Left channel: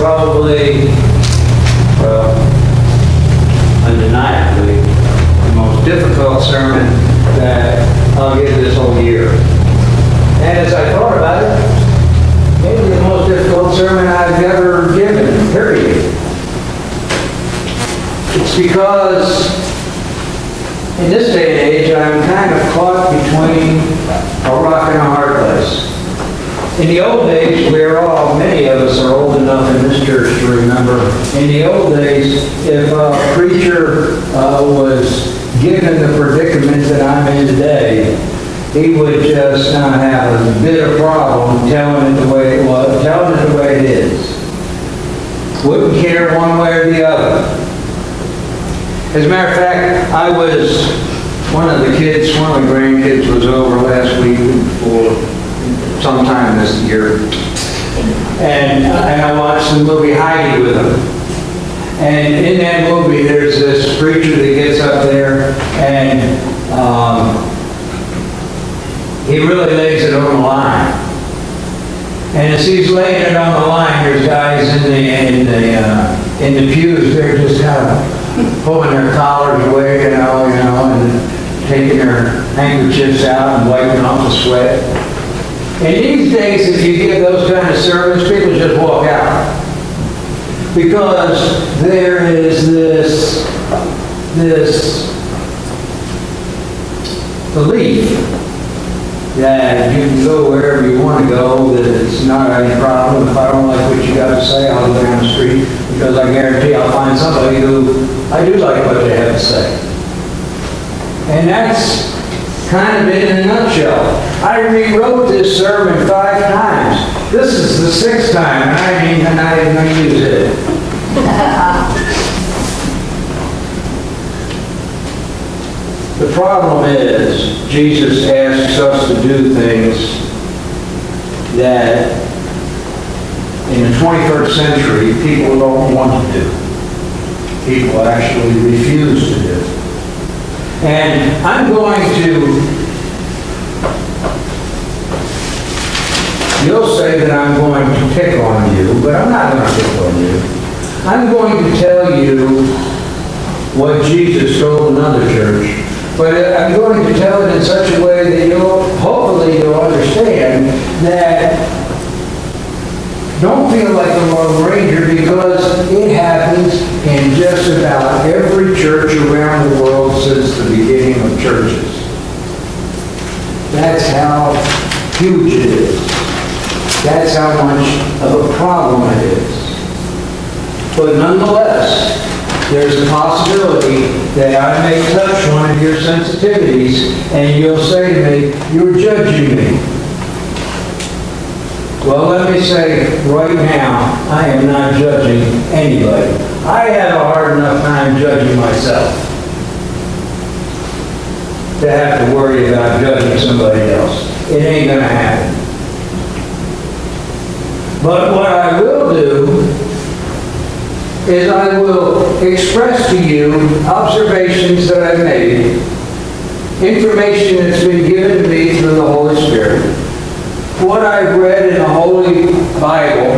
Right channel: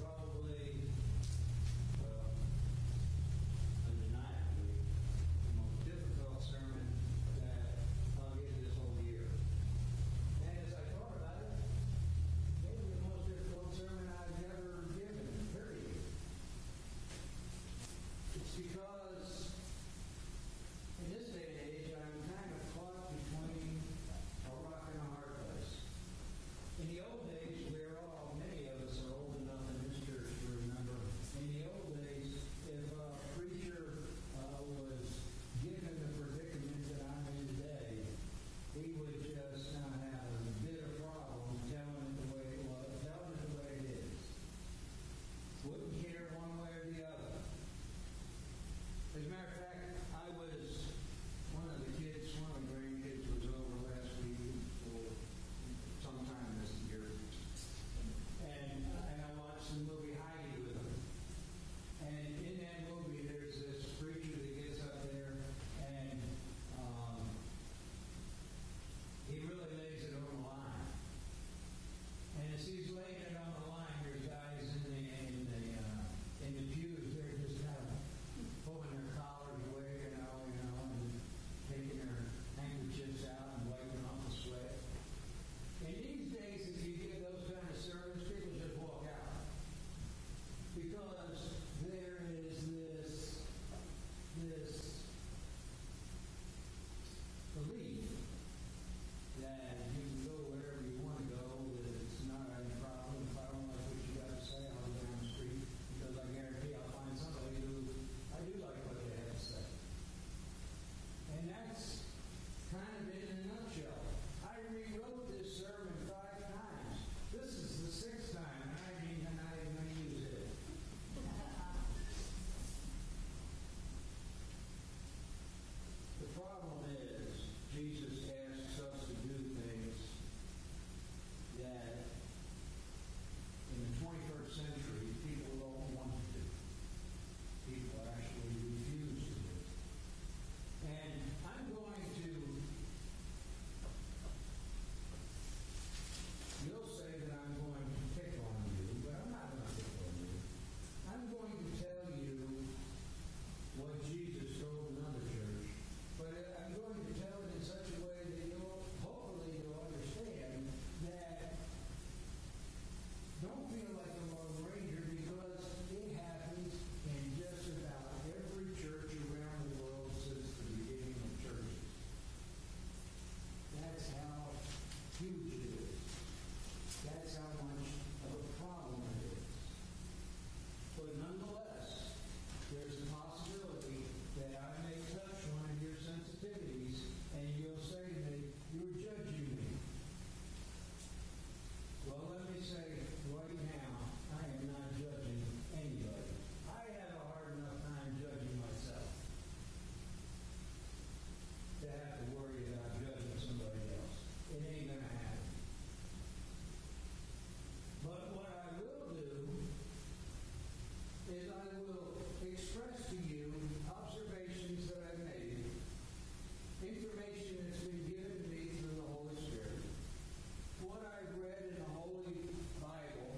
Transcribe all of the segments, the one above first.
Probably, well, undeniably, the most difficult sermon that I'll give this whole year. And as I thought about it, maybe the most difficult sermon I've ever given, period. It's because in this day and age, I'm kind of caught between a rock and a hard place. In the old days, many of us are old enough in this church to remember, in the old days, if a preacher was given the predicament that I'm in today, he would just not have a bit of problem telling it the way it was, telling it the way it is. Wouldn't care one way or the other. As a matter of fact, one of my grandkids was over last week or sometime this year. And I watched the movie Heidi with him. And in that movie, there's this preacher that gets up there and he really lays it on the line. And as he's laying it on the line, there's guys in the pews. They're just kind of pulling their collars away, you know, and taking their handkerchiefs out and wiping off the sweat. And these days, if you give those kind of sermons, people just walk out. Because there is this belief that you can go wherever you want to go, that it's not any problem. If I don't like what you got to say, I'll go down the street, because I guarantee I'll find somebody who I do like what they have to say. And that's kind of it in a nutshell. I rewrote this sermon 5 times. This is the 6th time, and I didn't even use it. The problem is, Jesus asks us to do things that in the 21st century, people don't want to do. People actually refuse to do. And I'm going to, you'll say that I'm going to pick on you, but I'm not going to pick on you. I'm going to tell you what Jesus told another church, but I'm going to tell it in such a way that hopefully you'll understand that don't feel like a Lone Ranger, because it happens in just about every church around the world since the beginning of churches. That's how huge it is. That's how much of a problem it is. But nonetheless, there's a possibility that I may touch one of your sensitivities and you'll say to me, "You're judging me." Well, let me say right now, I am not judging anybody. I have a hard enough time judging myself to have to worry about judging somebody else. It ain't going to happen. But what I will do is I will express to you observations that I've made, information that's been given to me through the Holy Spirit, what I've read in the Holy Bible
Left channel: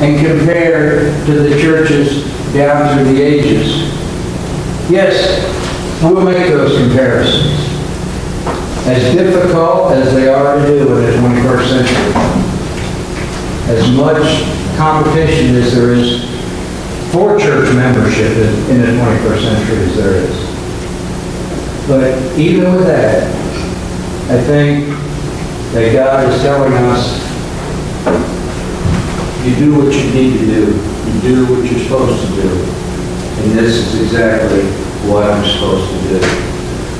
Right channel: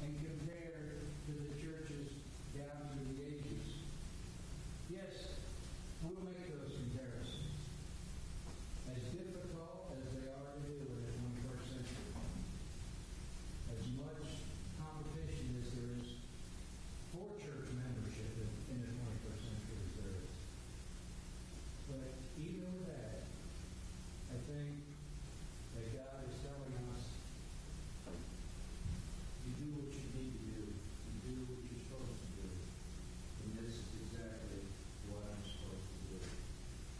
and compared to the churches down through the ages. Yes, we'll make those comparisons. As difficult as they are to do in the 21st century. As much competition as there is for church membership in the 21st century as there is. But even with that, I think that God is telling us, you do what you need to do. You do what you're supposed to do. And this is exactly what I'm supposed to do.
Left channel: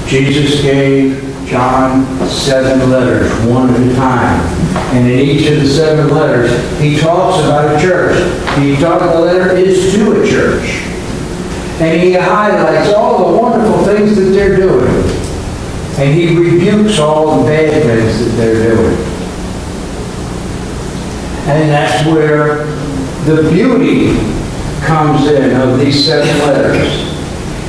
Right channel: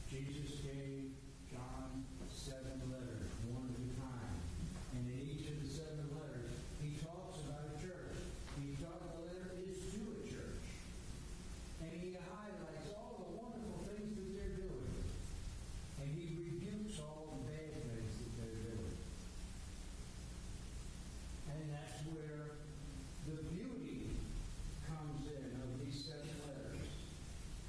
Jesus gave John 7 letters, one at a time. And in each of the 7 letters, he talks about a church. The letter is to a church. And he highlights all the wonderful things that they're doing. And he rebukes all the bad things that they're doing. And that's where the beauty comes in of these 7 letters,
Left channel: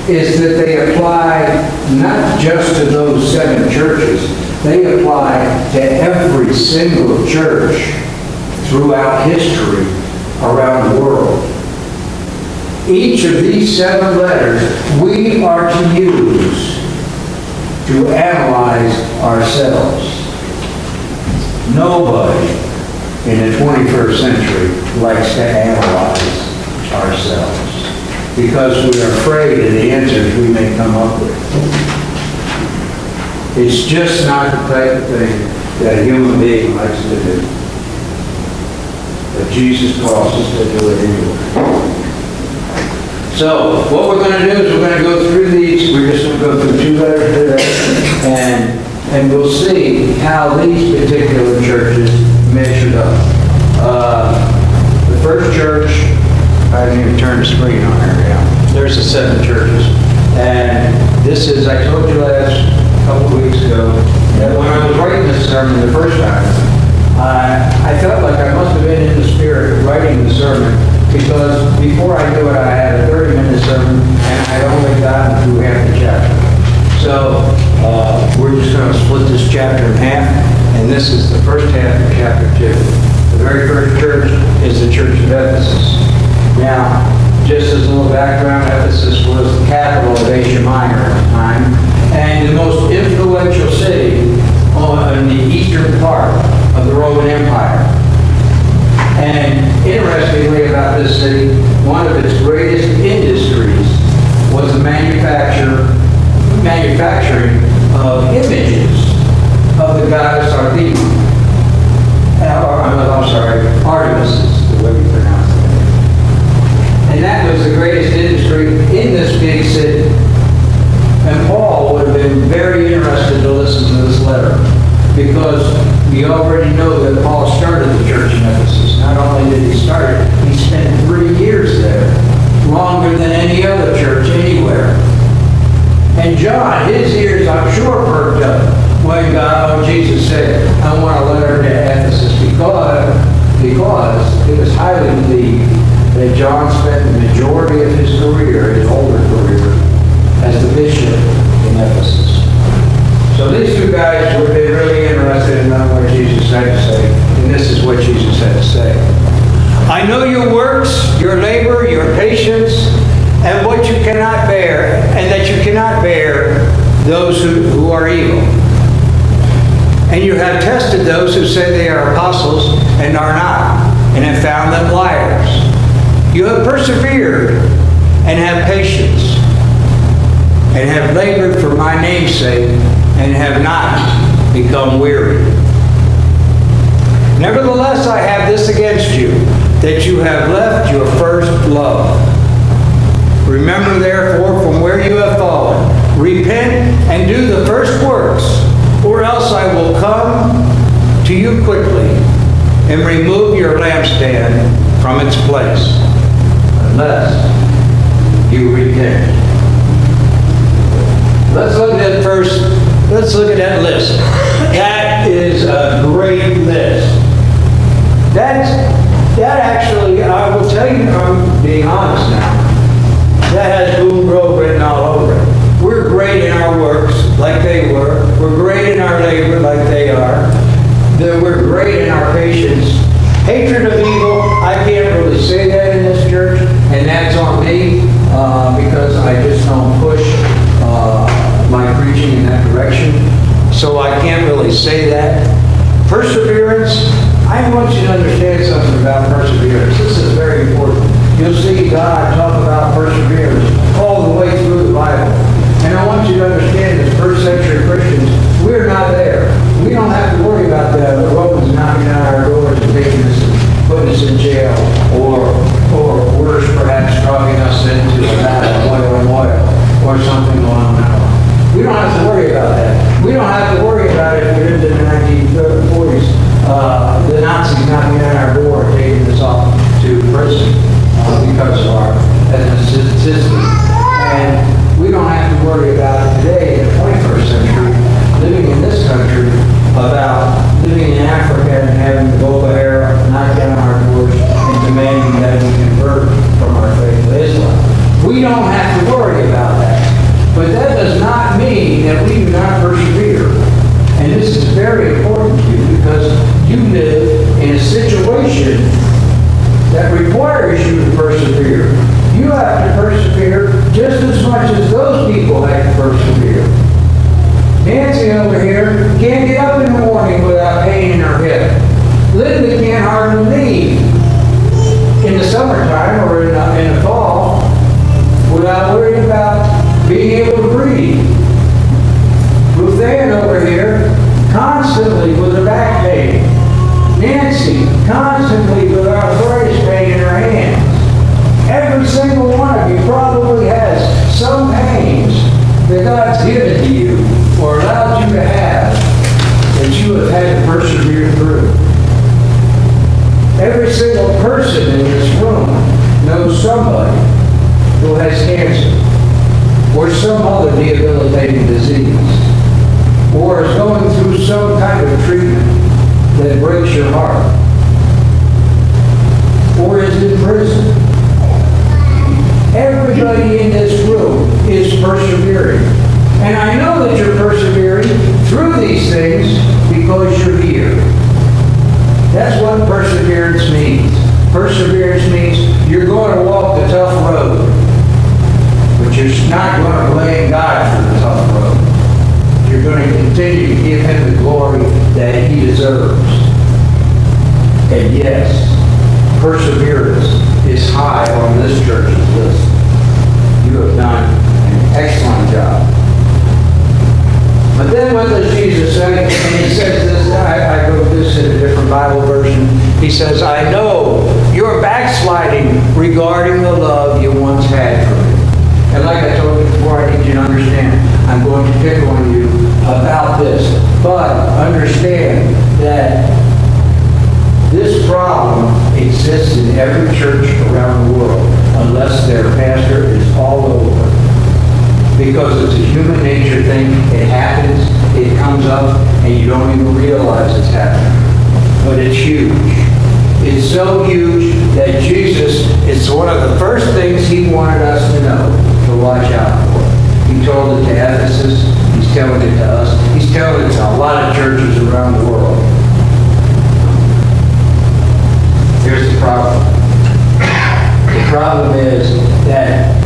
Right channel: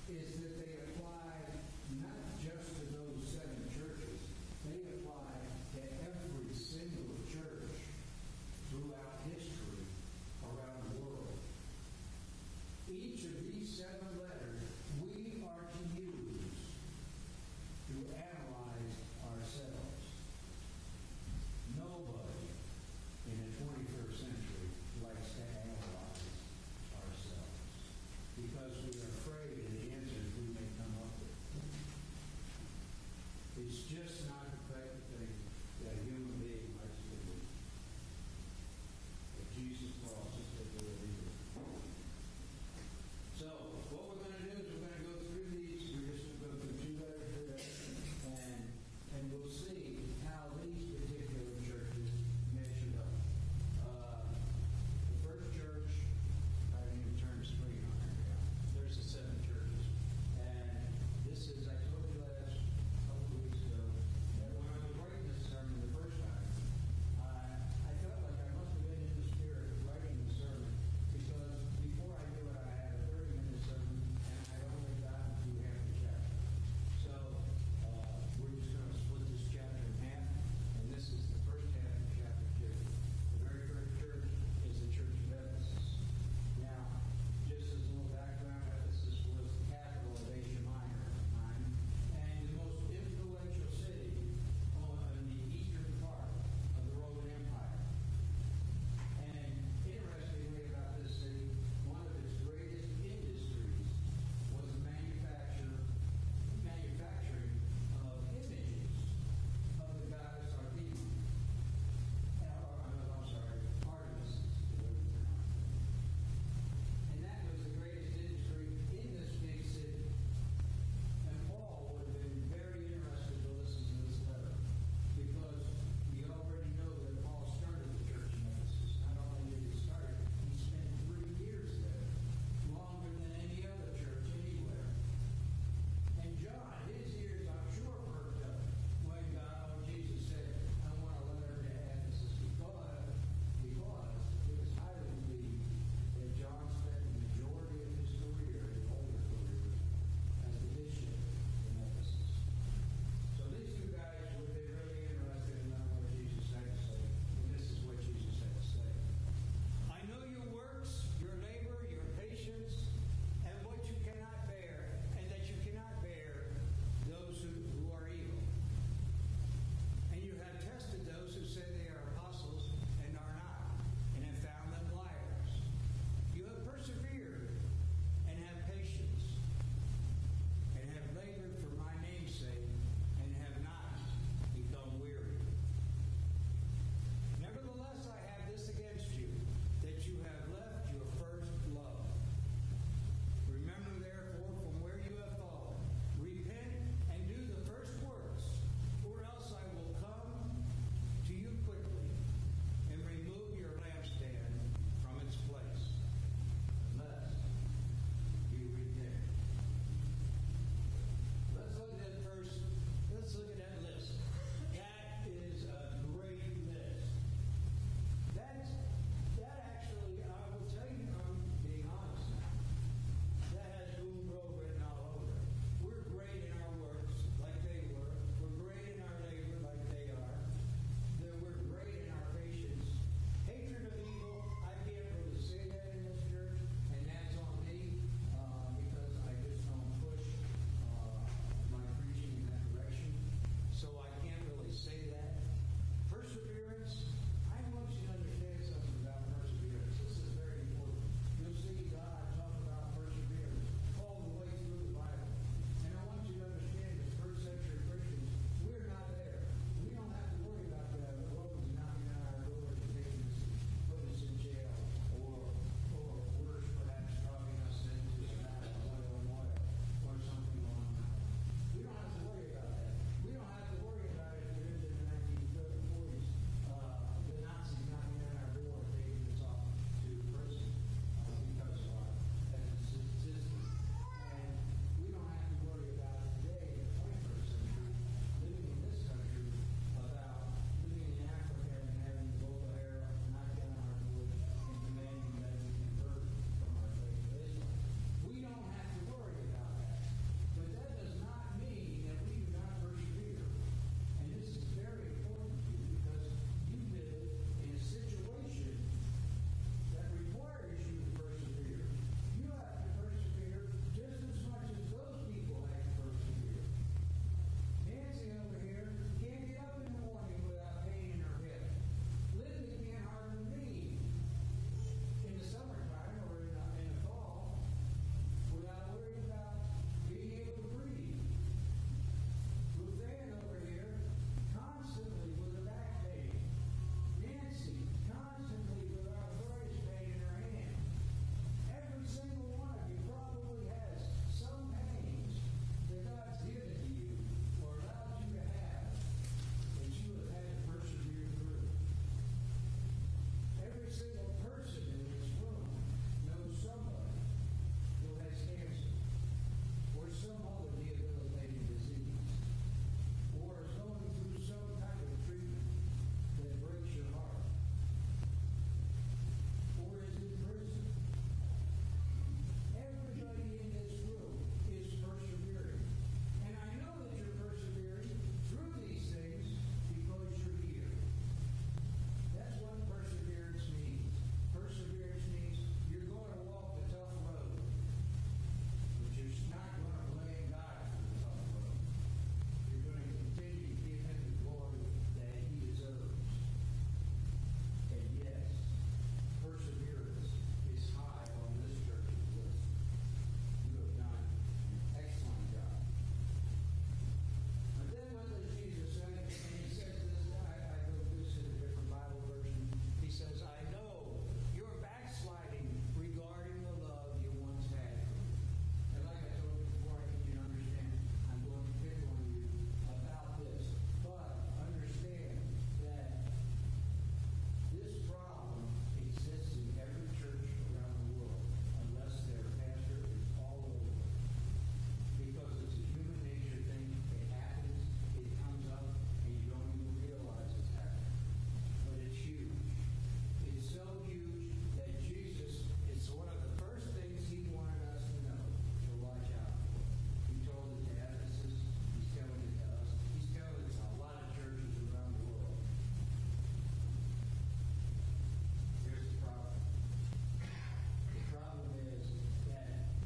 is that they apply not just to those 7 churches, they apply to every single church throughout history around the world. Each of these 7 letters we are to use to analyze ourselves. Nobody in the 21st century likes to analyze ourselves because we are afraid of the answers we may come up with. It's just not the type of thing that a human being likes to do. But Jesus calls us to do it anyway. So, what we're going to do is we're going to go through these. We're just going to go through 2 letters today, and we'll see how these particular churches measured up. The first church, I didn't even turn the screen on here. Yeah. There's the 7 churches. And this is, I told you last couple of weeks ago, that when I was writing this sermon the first time, I felt like I must have been in the spirit writing the sermon, because before I knew it, I had a 30-minute sermon, and I only got through half the chapter. So we're just going to split this chapter in half, and this is the first half of chapter 2. The very first church is the church of Ephesus. Now, just as a little background, Ephesus was the capital of Asia Minor at the time, and the most influential city in the eastern part of the Roman Empire. And interestingly about this city, one of its greatest industries was the manufacturing of images of the goddess Artemis. Artemis is the way we pronounce it. And that was the greatest industry in this big city. And Paul would have been very interested to listen to this letter, because we already know that Paul started the church in Ephesus. Not only did he start it, he spent 3 years there, longer than any other church anywhere. And John, his ears, I'm sure, perked up when Jesus said, I want a letter to Ephesus, because it was highly believed that John spent the majority of his career, his older career, as the bishop in Ephesus. So these 2 guys would be really interested in knowing what Jesus had to say, and this is what Jesus had to say. I know your works, your labor, your patience, and what you cannot bear, and that you cannot bear those who are evil. And you have tested those who say they are apostles and are not, and have found them liars. You have persevered and have patience, and have labored for my name's sake, and have not become weary. Nevertheless, I have this against you, that you have left your first love. Remember, therefore, from where you have fallen, repent and do the first works, or else I will come to you quickly and remove your lampstand from its place, unless you repent. Let's look at that list. That is a great list. That actually, I will tell you, I'm being honest now, that has Boone Grove written all over it. We're great in our works, like they were. We're great in our labor, like they are. We're great in our patience. Hatred of evil, I can't really say that in this church, and that's on me, because I just don't push my preaching in that direction. So I can't really say that. Perseverance, I want you to understand something about perseverance. This is very important. You'll see God talk about perseverance all the way through the Bible. And I want you to understand, as first century Christians, we're not there. We don't have to worry about the Romans knocking on our doors and taking us and putting us in jail, or worse, perhaps dropping us into a vat of oil, or something along that line. We don't have to worry about that. We don't have to about living in Africa and having the Boko Haram knock down our doors and demanding that we convert from our faith to Islam. We don't have to worry about that. But that does not mean that we do not persevere. And this is very important to you because you live in a situation that requires you to persevere. You have to persevere just as much as those people had to persevere. Nancy over here can't get up in the morning without pain in her hip. Linda can't hardly leave in the summertime or in the fall without worrying about being able to breathe. Ruth Ann over here constantly with her back pain. Nancy constantly with arthritis pain in her hands. Every single one of you probably has some pains that God's given to you or allowed you to have that you have had to persevere through. Every single person in this room knows somebody who has cancer or some other debilitating disease or is going through some kind of treatment that breaks your heart or is in prison. Everybody in this room is persevering. And I know that you're persevering through these things because you're here. That's what perseverance means. Perseverance means you're going to walk the tough road, but you're not going to blame God for the tough road. You're going to continue to give Him the glory that He deserves. And yes, perseverance is high on this church's list. You have done an excellent job. But then what does Jesus say? And He says this, I wrote this in a different Bible version. He says, I know you're backsliding regarding the love you once had for me. And like I told you before, I need you to understand, I'm going to pick on you about this. But understand that this problem exists in every church around the world unless their pastor is all over. Because it's a human nature thing. It happens, it comes up, and you don't even realize it's happening. But it's huge. It's so huge that Jesus, it's one of the first things He wanted us to know, to watch out for. He told it to Ephesus. He's telling it to us. He's telling it to a lot of churches around the world. Here's the problem. The problem is that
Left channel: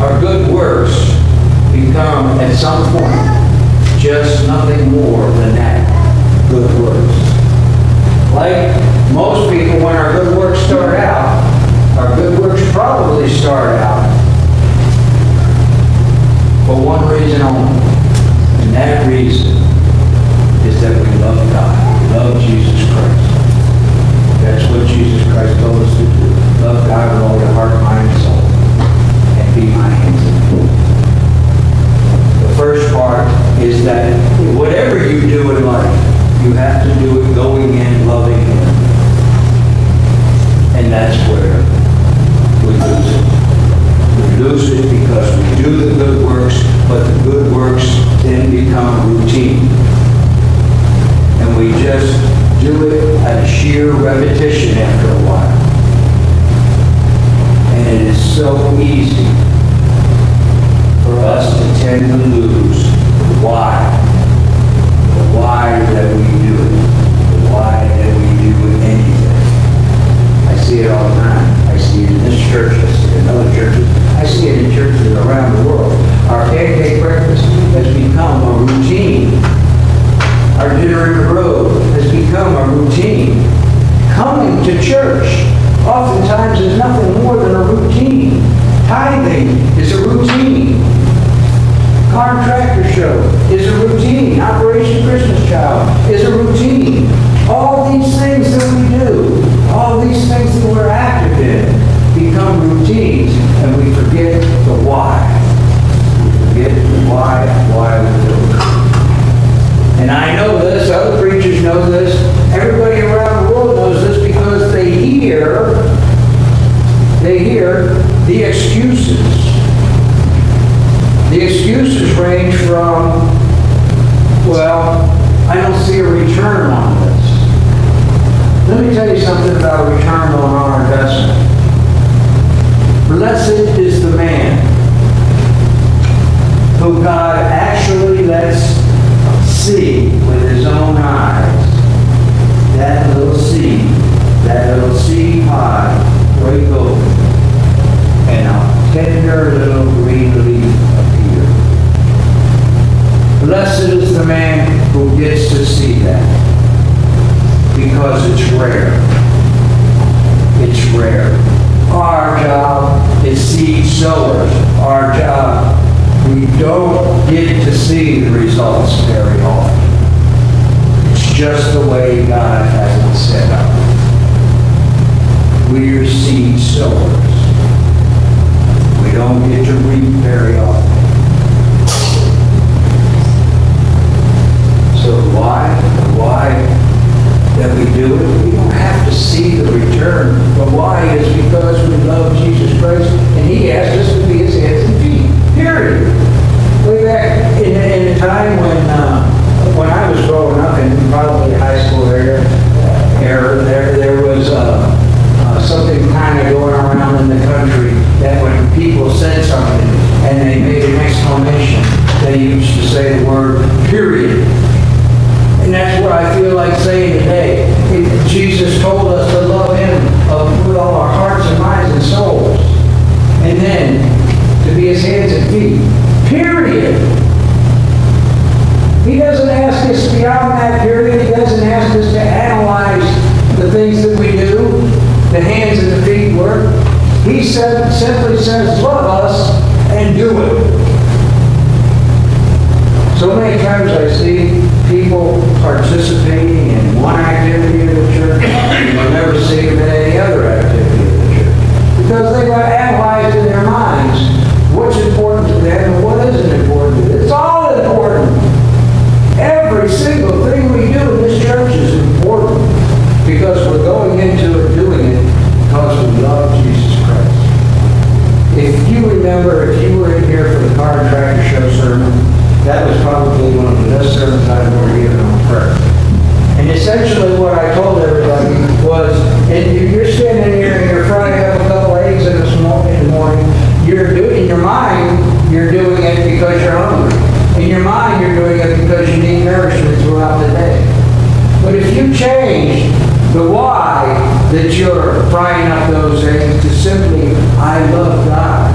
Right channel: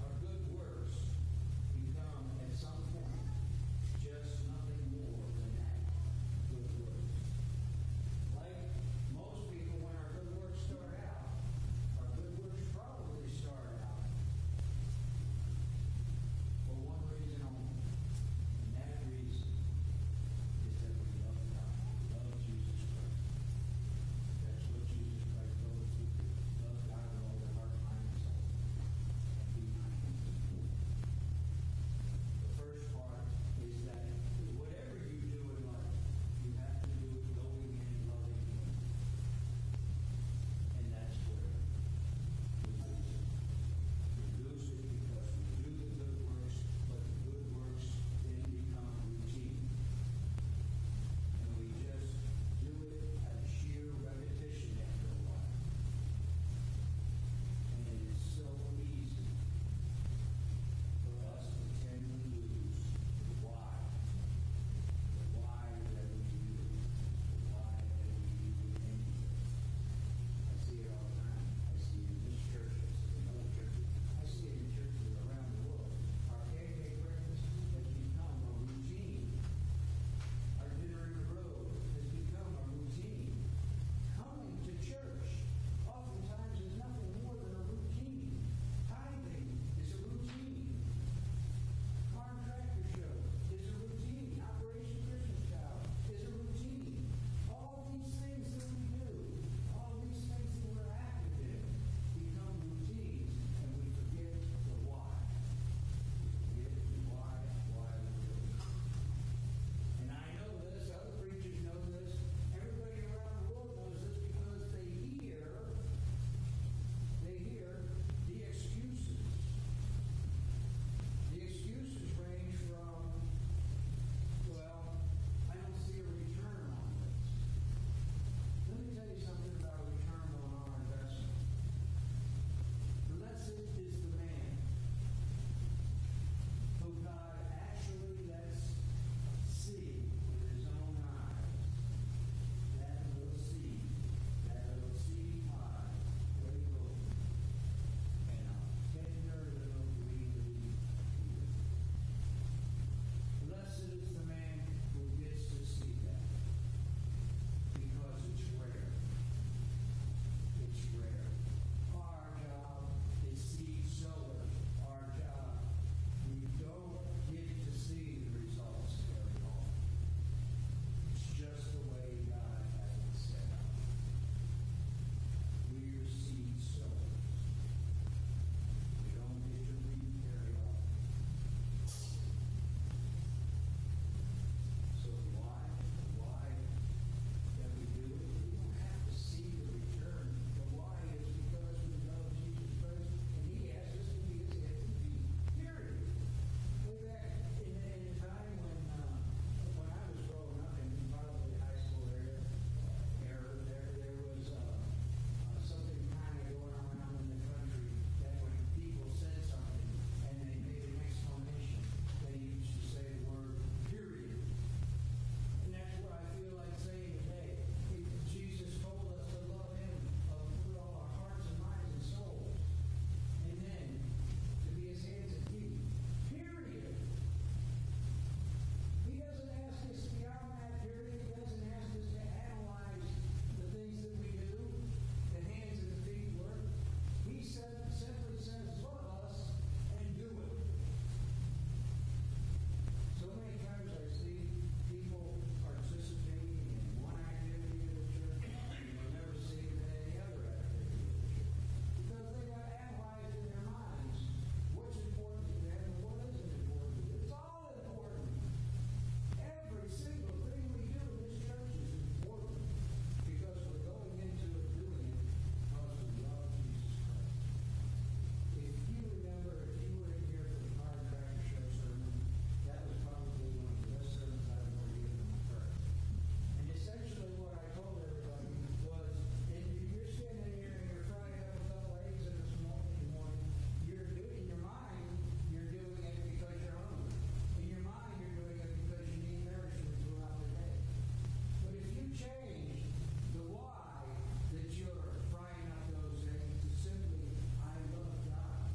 our good works become, at some point, just nothing more than that, good works. Like most people, when our good works start out, our good works probably start out for one reason only. And that reason is that we love God. We love Jesus Christ. That's what Jesus Christ told us to do. Love God with all your heart, mind, and soul. And be my hands and feet. The first part is that whatever you do in life, you have to do it going in, loving Him. And that's where we lose it. We lose it because we do the good works, but the good works then become routine. And we just do it at a sheer repetition after a while. And it is so easy for us to tend to lose the why. The why that we do it. The why that we do anything. I see it all the time. see a return on this. Let me tell you something about a return on our investment. Blessed is the man who God actually lets see with his own eyes that little seed pod break open and a tender little green leaf appear. Blessed is the man who gets to see that, because it's rare. It's rare. Our job is seed sowers. Our job, we don't get to see the results very often. It's just the way God has it set up. We're seed sowers. We don't get to reap very often. So why that we do it? We don't have to see the return. But why is because we love Jesus Christ, and He asked us to be His hands and feet. Period. Way back in a time when I was growing up in probably high school era, there was something kind of going around in the country that when people said something and they made an exclamation, they used to say the word period. And that's what I feel like saying today. Jesus told us to love Him with all our hearts and minds and souls. And then to be His hands and feet. Period. He doesn't ask us beyond that period. He doesn't ask us to analyze the things that we do, the hands and the feet work. He simply says, love us and do it. So many times I see people participating in one activity of the church, and they'll never see them in any other activity of the church. Because they've analyzed in their minds what's important to them and what isn't important to them. It's all important. Every single thing we do in this church is important because we're going into it, doing it, because we love Jesus Christ. If you remember, if you were in here for the Car and Tractor Show sermon, that was probably one of the best sermons I've ever given on prayer. And essentially what I told everybody was, and you're standing here and you're frying up a couple eggs in the morning, in your mind, you're doing it because you're hungry. In your mind, you're doing it because you need nourishment throughout the day. But if you change the why that you're frying up those eggs to simply, I love God,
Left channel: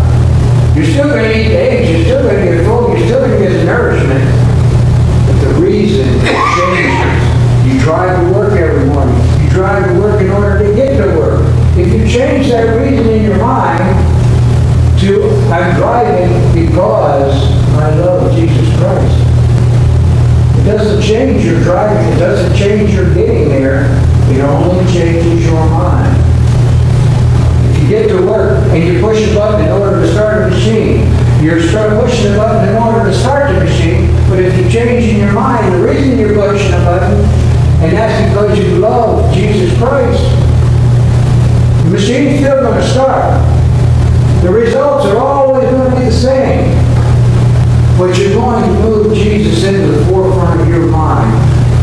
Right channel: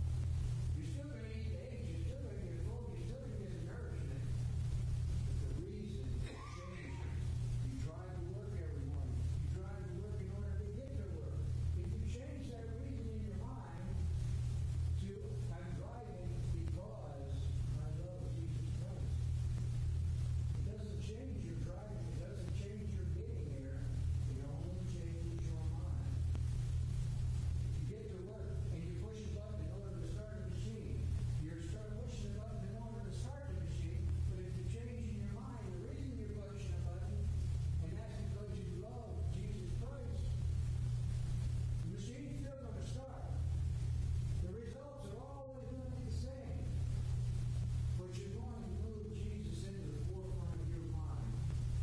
you're still going to eat the eggs, you're still going to get full, you're still going to get the nourishment. But the reason changes. You drive to work every morning. You drive to work in order to get to work. If you change that reason in your mind to, I'm driving because I love Jesus Christ. It doesn't change your driving. It doesn't change your getting there. It only changes your mind. If you get to work and you push a button in order to start a machine, you're pushing a button in order to start the machine, but if you change in your mind the reason you're pushing a button, and that's because you love Jesus Christ, the machine's still going to start. The results are always going to be the same. But you're going to move Jesus into the forefront of your mind.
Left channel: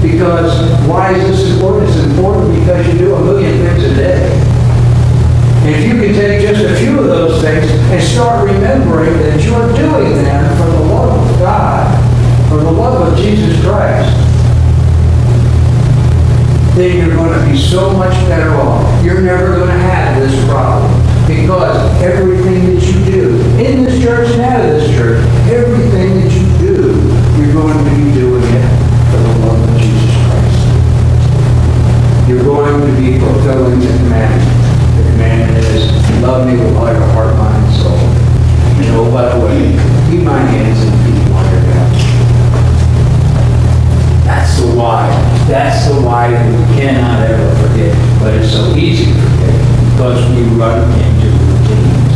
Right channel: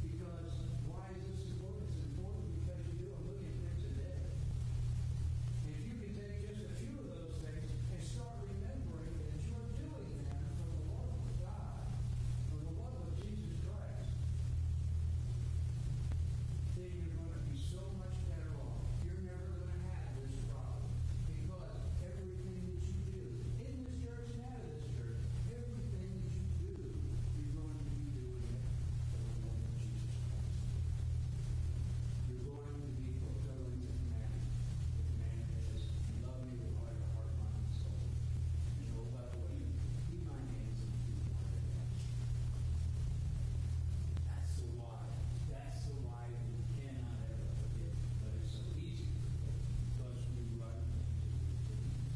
Because why is this important? It's important because you do a million things a day. And if you can take just a few of those things and start remembering that you're doing them for the love of God, for the love of Jesus Christ, then you're going to be so much better off. You're never going to have this problem. Because everything that you do, in this church and out of this church, everything that you do, you're going to be doing it for the love of Jesus Christ. You're going to be fulfilling the commandment. The commandment is, love me with all your heart, mind, and soul. And oh, by the way, keep my hands and feet while you're down. That's the why. That's the why that we cannot ever forget. But it's so easy to forget because we run into routines.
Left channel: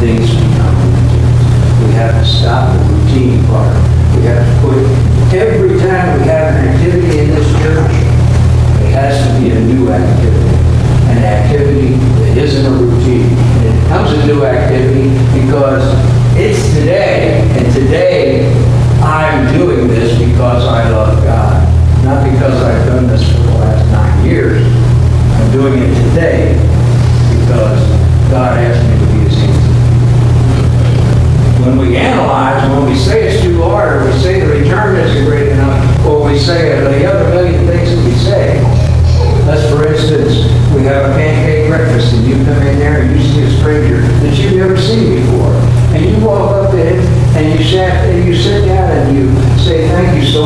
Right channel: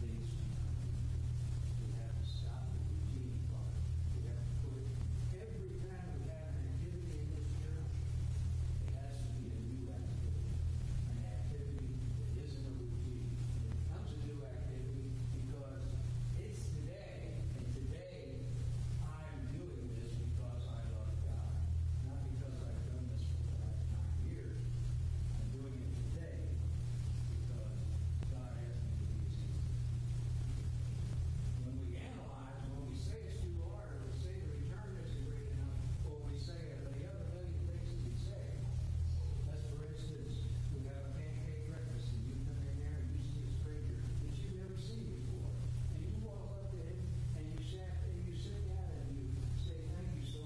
Things become routines. We have to stop the routine part. We have to put, every time we have an activity in this church, it has to be a new activity. An activity that isn't a routine. And it becomes a new activity because it's today, and today I'm doing this because I love God. Not because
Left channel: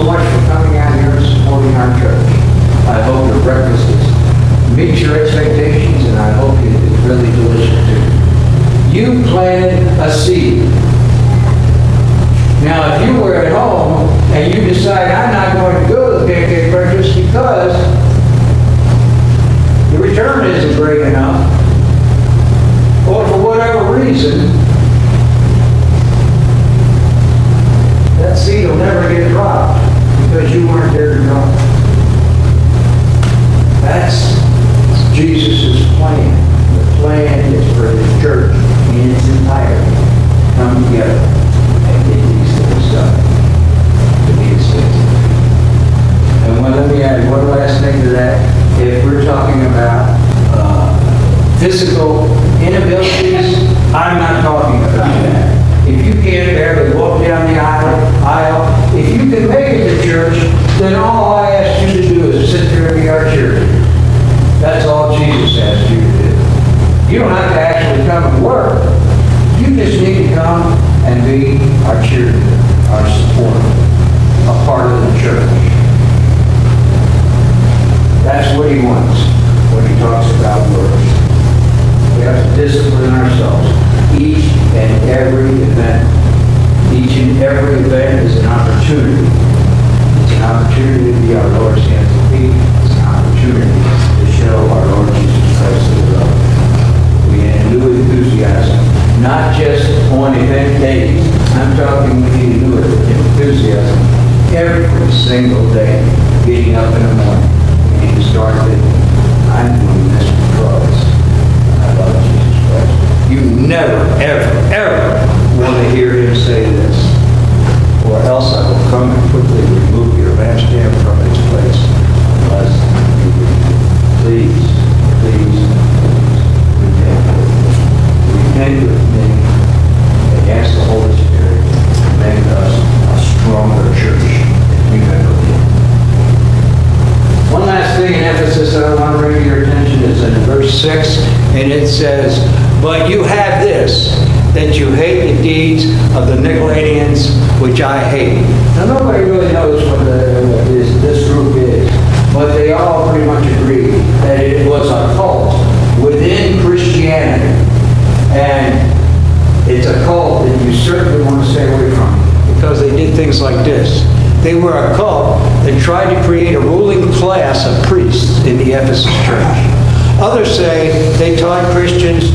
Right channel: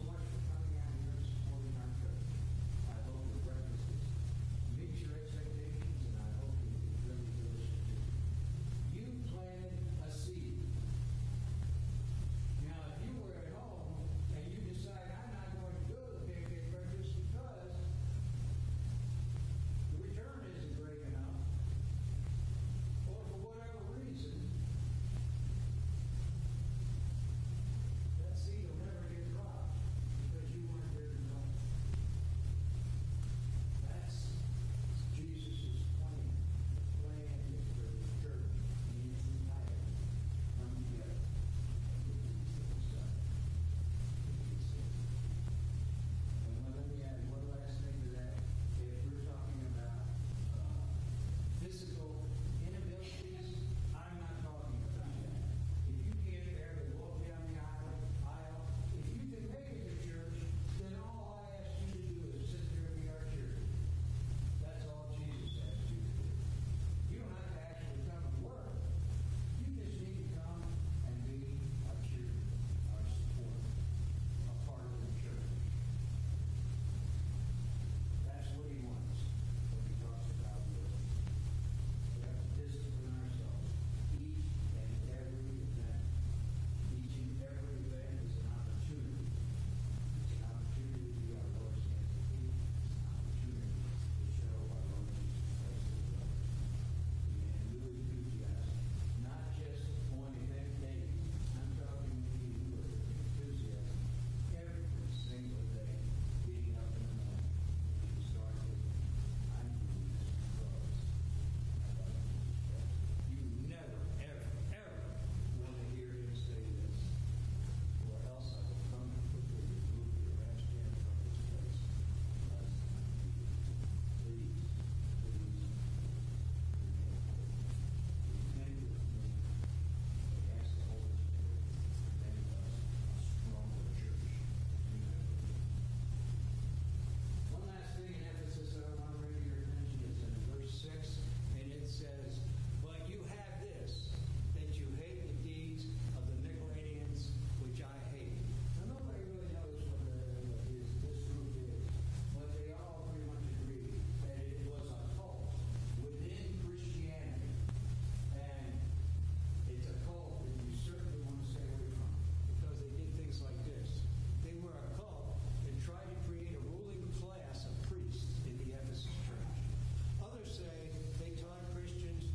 so much for coming out here and supporting our church. I hope your breakfast meets your expectations, and I hope it is really delicious too. You planted a seed. Now, if you were at home and you decide, I'm not going to go to the pancake breakfast because the return isn't great enough, or for whatever reason, that seed will never get dropped because you weren't there to drop it. That's Jesus' plan. The plan is for the church in its entirety come together and get these things done to be accepted. And let me add one last thing to that. If we're talking about physical inabilities, I'm not talking about that. If you can't barely walk down the aisle, if you can make it to church, then all I ask you to do is sit there and be our cheerleader. That's all Jesus asked you to do. You don't have to actually come and work. You just need to come and be our cheerleader, our supporter, a part of the church. That's what he wants when he talks about works. We have to discipline ourselves. Each and every event. Each and every event is an opportunity. It's an opportunity to be our Lord's hands and feet. It's an opportunity to show our Lord Jesus Christ to the world. We need new enthusiasm, not just on event days. I'm talking we need new enthusiasm every single day. Getting up in the morning, we need to start thinking, I'm doing this because I love Jesus Christ. You never, ever, ever want to hear him say this, or else I will come and quickly remove your lampstand from its place, unless you please, please, repent. Repent with me and ask the Holy Spirit to make us a stronger church than we've ever been. One last thing in Ephesus that I want to bring to your attention is in verse 6, and it says, but you have this, that you hate the deeds of the Nicolaitans, which I hate. Now, nobody really knows what this group is, but they all pretty much agree that it was a cult within Christianity. And it's a cult that you certainly want to stay away from, because they did things like this. They were a cult that tried to create a ruling class of priests in the Ephesus church. Others say they taught Christians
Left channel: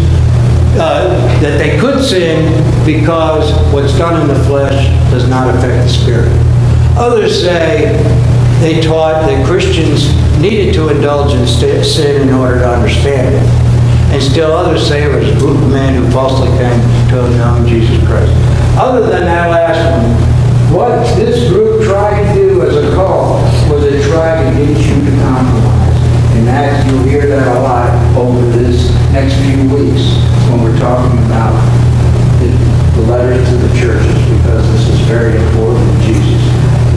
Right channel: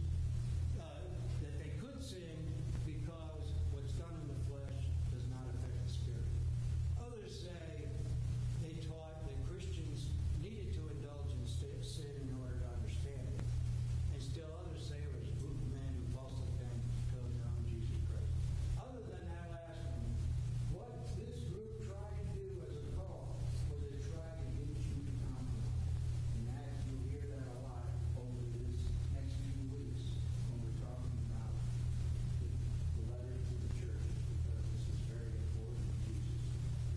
that they could sin because what's done in the flesh does not affect the spirit. Others say they taught that Christians needed to indulge in sin in order to understand it. And still others say it was a group of men who falsely came to know Jesus Christ. Other than that last one, what this group tried to do as a cult was to try to get you to compromise. And that you'll hear that a lot over this next few weeks when we're talking about the letters to the churches, because this is very important to Jesus,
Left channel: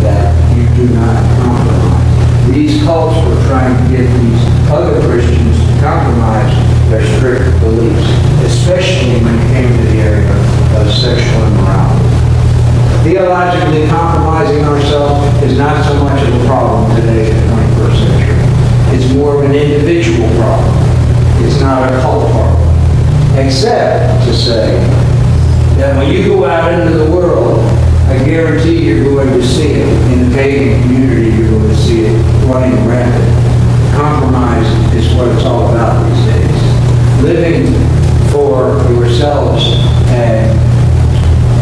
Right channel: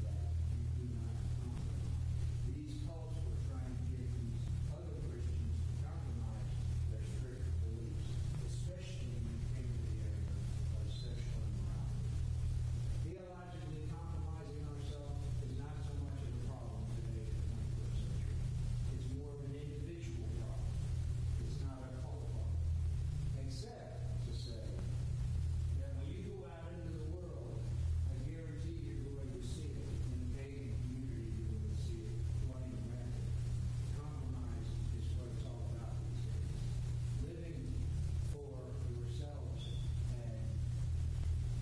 that you do not compromise. These cults were trying to get these other Christians to compromise their strict beliefs, especially when it came to the area of sexual immorality. Theologically compromising ourselves is not so much of a problem today in the 21st century. It's more of an individual problem. It's not a cult problem. Except to say that when you go out into the world, I guarantee you're going to see it. In the pagan community, you're going to see it running rampant. Compromise is what it's all about these days. Living for yourselves and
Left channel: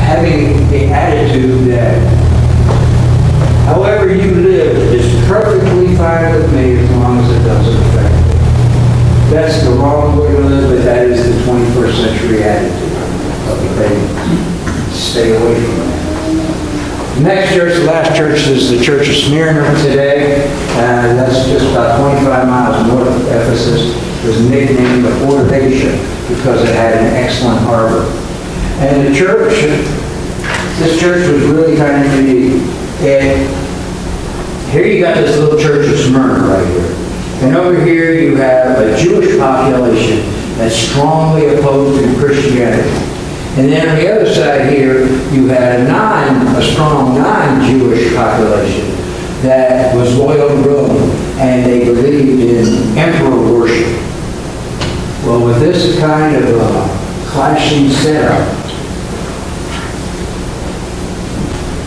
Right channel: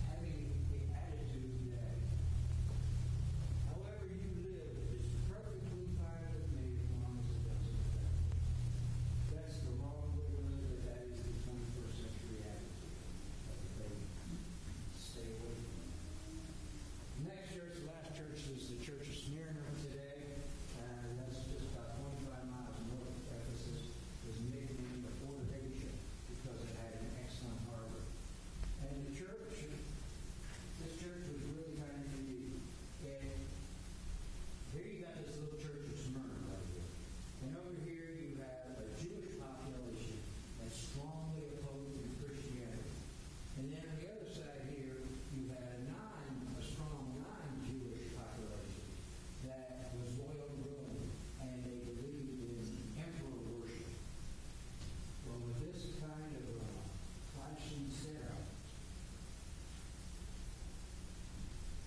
having the attitude that however you live is perfectly fine with me as long as it doesn't affect me. That's the wrong way to live, but that is the 21st century attitude of the pagans. Stay away from that. The next church, the last church, is the Church of Smyrna today. That's just about 25 miles north of Ephesus. It was nicknamed the Port of Asia because it had an excellent harbor. And the church, this church was really kind of unique. And here you got this little Church of Smyrna right here. And over here you have a Jewish population that's strongly opposed to Christianity. And then on the other side here, you had a strong non-Jewish population that was loyal to Rome, and they believed in emperor worship. Well, with this kind of clashing setup,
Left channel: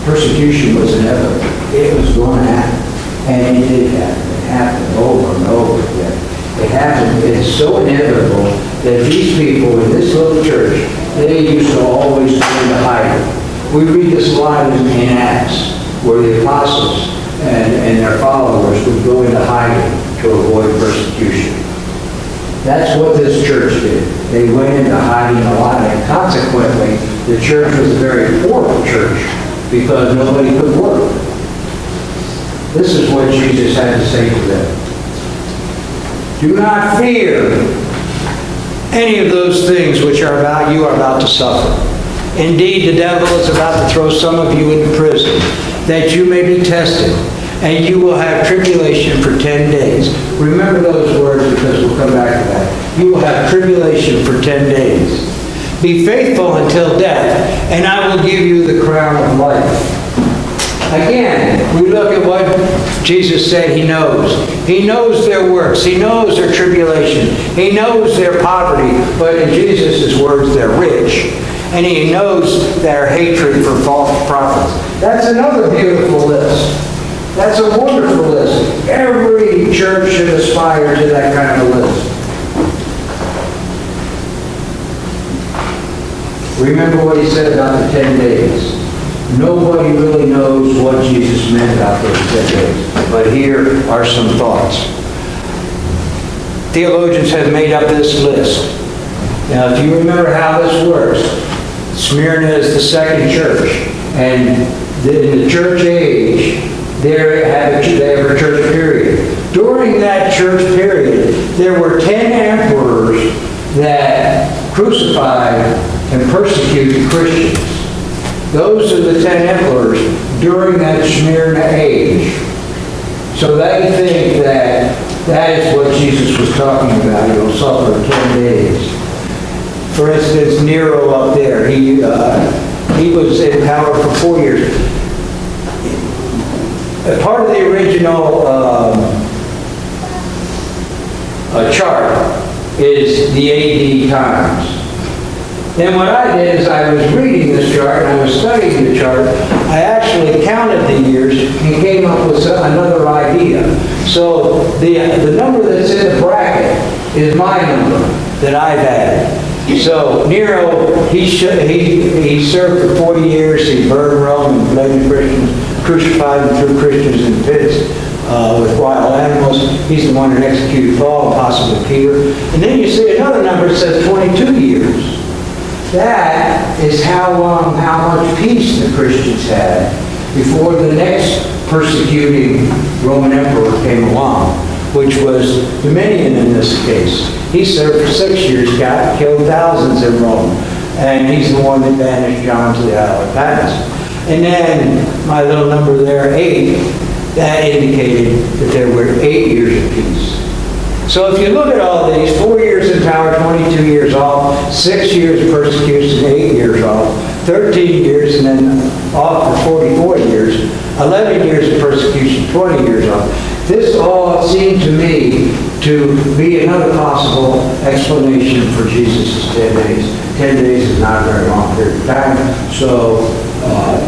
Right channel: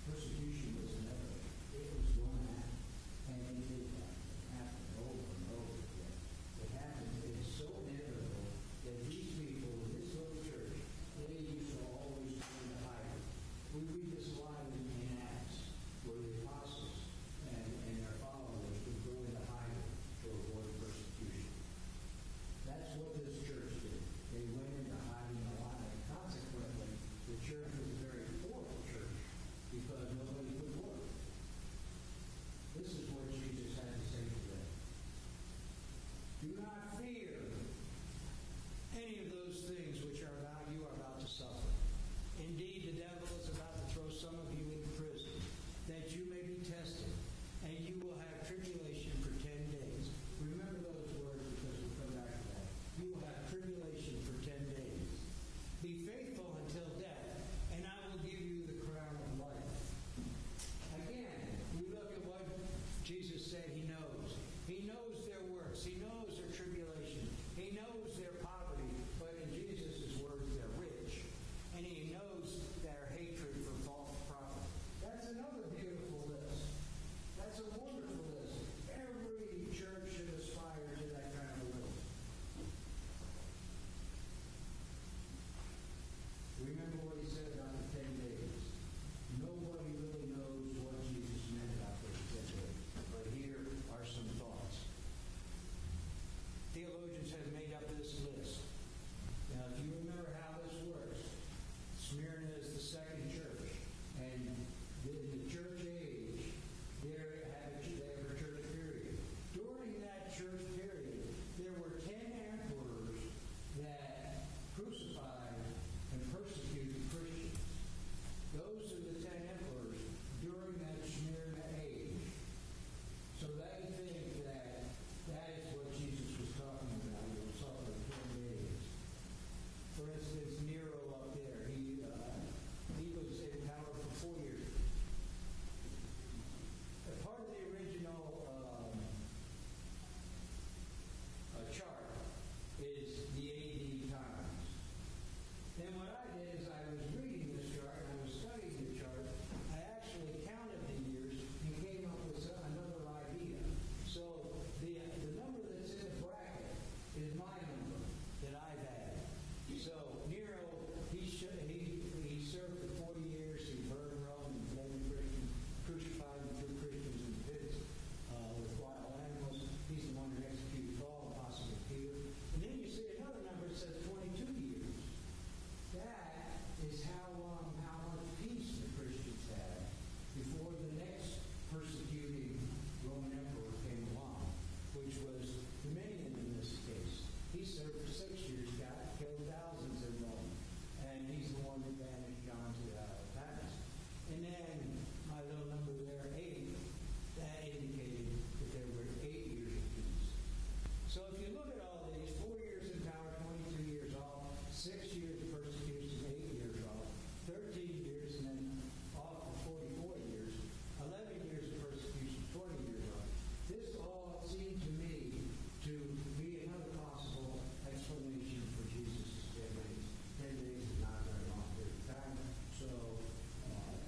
persecution was inevitable. It was going to happen. And it did happen. It happened over and over again. It happened. It's so inevitable that these people in this little church, they used to always go into hiding. We read this a lot in Acts, where the apostles and their followers would go into hiding to avoid persecution. That's what this church did. They went into hiding a lot, and consequently, the church was a very poor church because nobody could work. This is what Jesus had to say to them. Do not fear any of those things which you are about to suffer. Indeed, the devil is about to throw some of you into prison, that you may be tested, and you will have tribulation for 10 days. Remember those words, because we'll come back to that. You will have tribulation for 10 days. Be faithful until death, and I will give you the crown of life. Again, we look at what Jesus said he knows. He knows their works. He knows their tribulation. He knows their poverty. But in Jesus' words, they're rich. And he knows their hatred for false prophets. That's another beautiful list. That's a wonderful list. Every church should aspire to that kind of list. Remember what he said about the 10 days. Nobody really knows what Jesus meant about those 10 days. But here are some thoughts. Theologians have made up this list. Now, if you remember how this works, Smyrna is the second church. And in the church age, they have a church period. During that church period, there were 10 emperors that crucified and persecuted Christians. Those are the 10 emperors during that Smyrna age. So they think that that is what Jesus was talking about. He will suffer 10 days. For instance, Nero up there, he was in power for 4 years. A part of the original chart is the AD times. Then what I did is I was reading this chart and I was studying the chart. I actually counted the years and came up with another idea. So the number that's in the bracket is my number that I've added. So Nero, he served for 40 years. He burned Rome and bled the Christians, crucified and threw Christians in pits with wild animals. He's the one that executed Paul and possibly Peter. And then you see another number that says 22 years. That is how much peace the Christians had before the next persecuting Roman emperor came along, which was Domitian in this case. He served for 6 years, killed thousands in Rome, and he's the one that banished John to the Isle of Patmos. And then my little number there, 8, that indicated that there were 8 years of peace. So if you look at all these, 4 years in power, 22 years off, 6 years of persecution, 8 years off, 13 years and then off for 44 years, 11 years of persecution, 20 years off. This all seemed to me to be another possible explanation for Jesus' 10 days. 10 days is not a very long period of time, so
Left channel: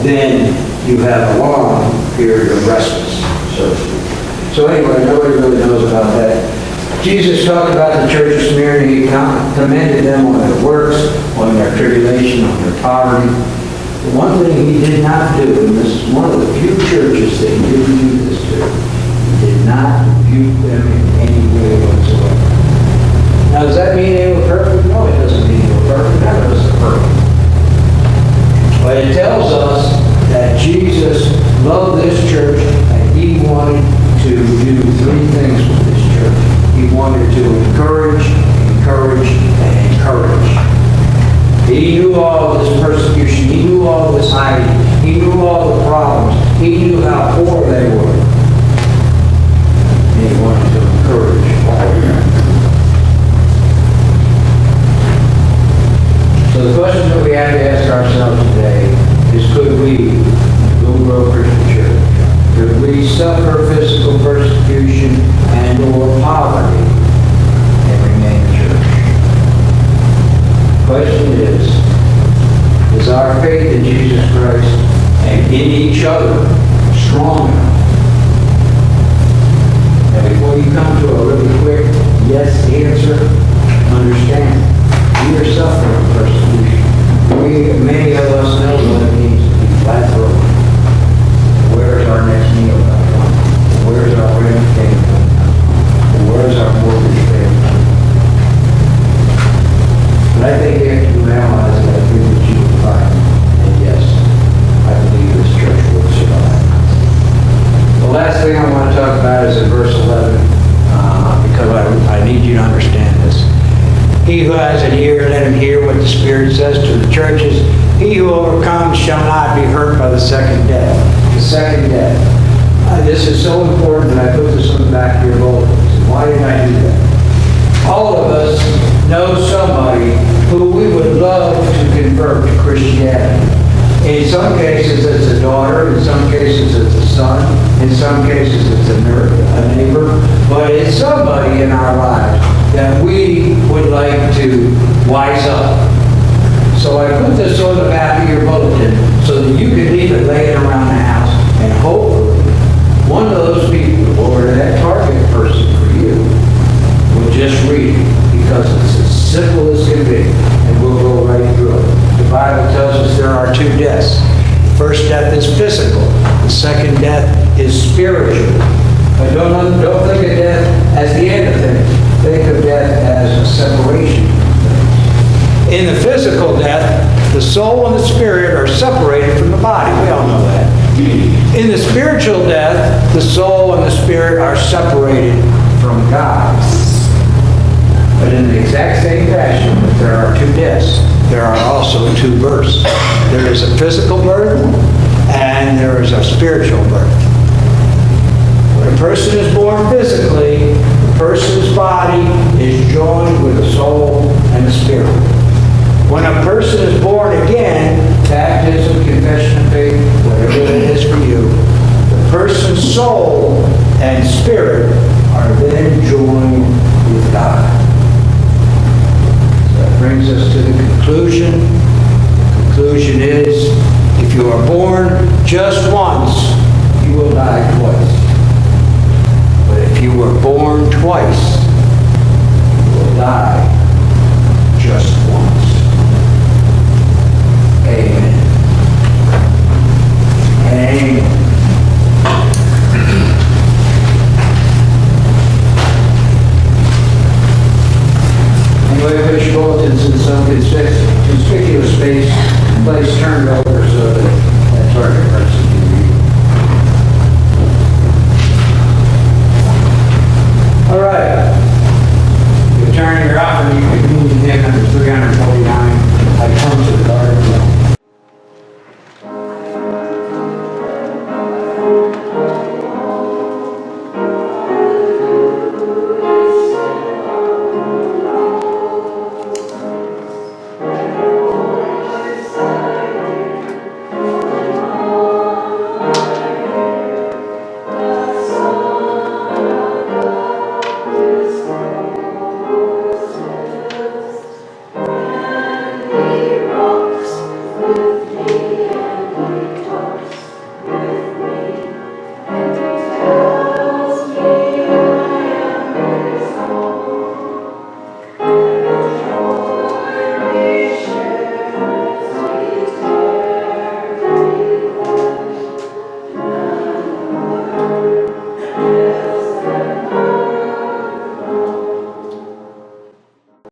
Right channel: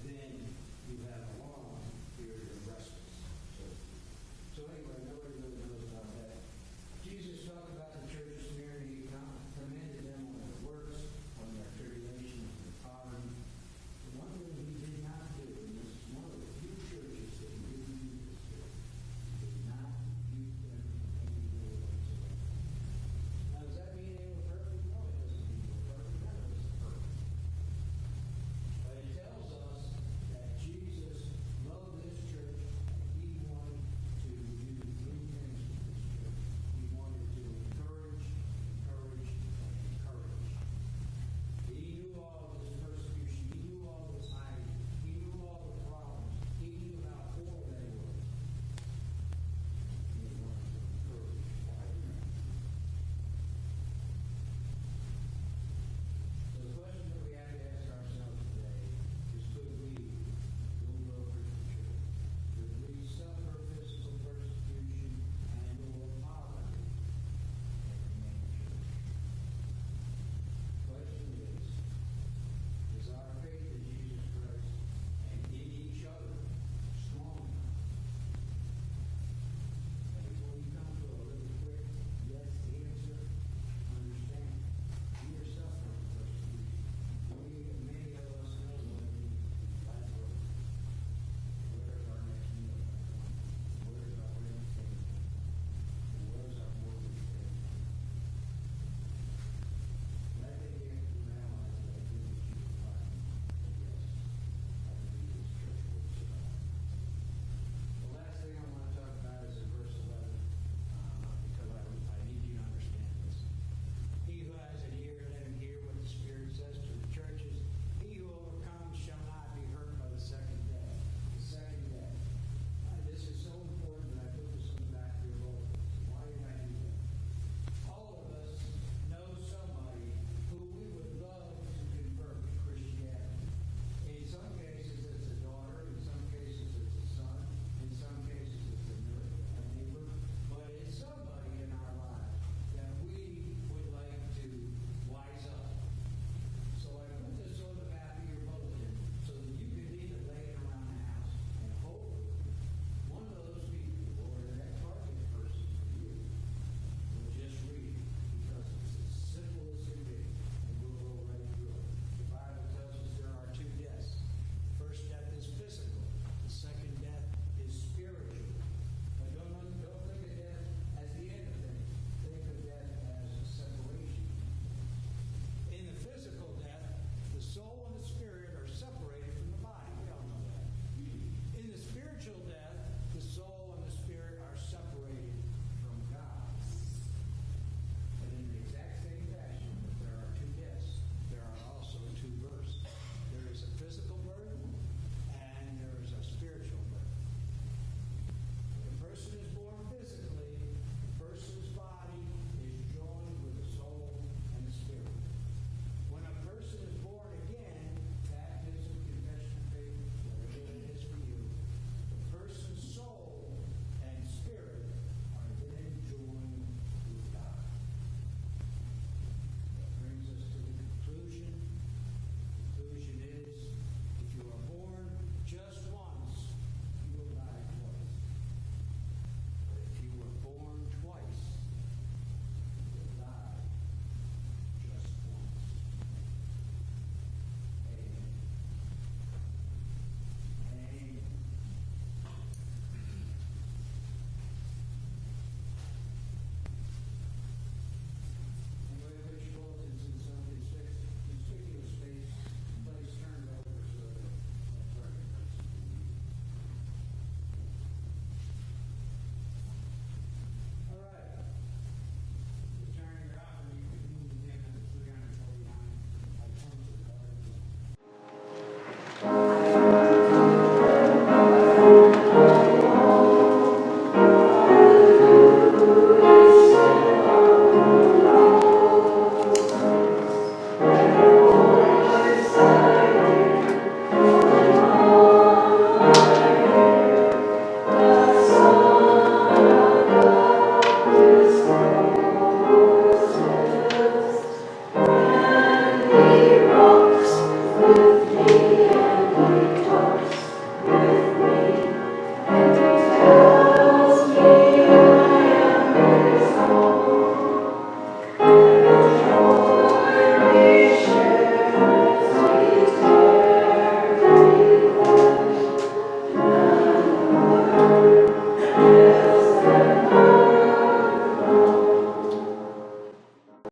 then you have a long period of respite, so to speak. So anyway, nobody really knows about that. Jesus talked about the church of Smyrna. He commended them on their works, on their tribulation, on their poverty. The one thing he did not do, and this is one of the few churches that he didn't do this to, he did not rebuke them in any way whatsoever. Now, does that mean they were perfect? No, it doesn't mean they were perfect. None of us are perfect. But it tells us that Jesus loved this church and he wanted to do 3 things with this church. He wanted to encourage, and encourage. He knew all of this persecution. He knew all of this hiding. He knew all the problems. He knew how poor they were. And he wanted to encourage suffer physical persecution and/or poverty and remain a church. Question is our faith in Jesus Christ and in each other strong enough? Now, before you come to a really quick yes answer, understand, we are suffering persecution. Many of us know what it means to be flat-throated. Where's our next meal going to come? Where's our rent payment going to come? Where's our mortgage payment going to come? But I think after you analyze it, I think that you will find, and yes, I believe this church will survive. The last thing I want to talk about is in verse 11, because I need you to understand this. He who has an ear, let him hear what the Spirit says to the churches. He who overcomes shall not be hurt by the second death. The second death. This is so important that I put this on the back of your bulletins. Why did I do that? All of us know somebody who we would love to convert to Christianity. In some cases, it's a daughter. In some cases, it's a son. In some cases, it's a neighbor. But it's somebody in our lives that we would like to wise up. So I put this on the back of your bulletin so that you can leave it laying around the house. And hopefully, one of those people, or that target person for you, will just read it because it's as simple as can be. And we'll go right through it. The Bible tells us there are two deaths. The first death is physical. The second death is spiritual. But don't think of death as the end of things. Think of death as a separation from things. In the physical death, the soul and the spirit are separated from the body. We all know that. In the spiritual death, the soul and the spirit are separated from God. But in the exact same fashion, if there are two deaths, there are also two births. There is a physical birth and there is a spiritual birth. When a person is born physically, the person's body is joined with the soul and the spirit. When a person is born again, baptism, confession of faith, whatever it is for you, the person's soul and spirit are then joined with God. So that brings us to the conclusion. The conclusion is, if you are born just once, you will die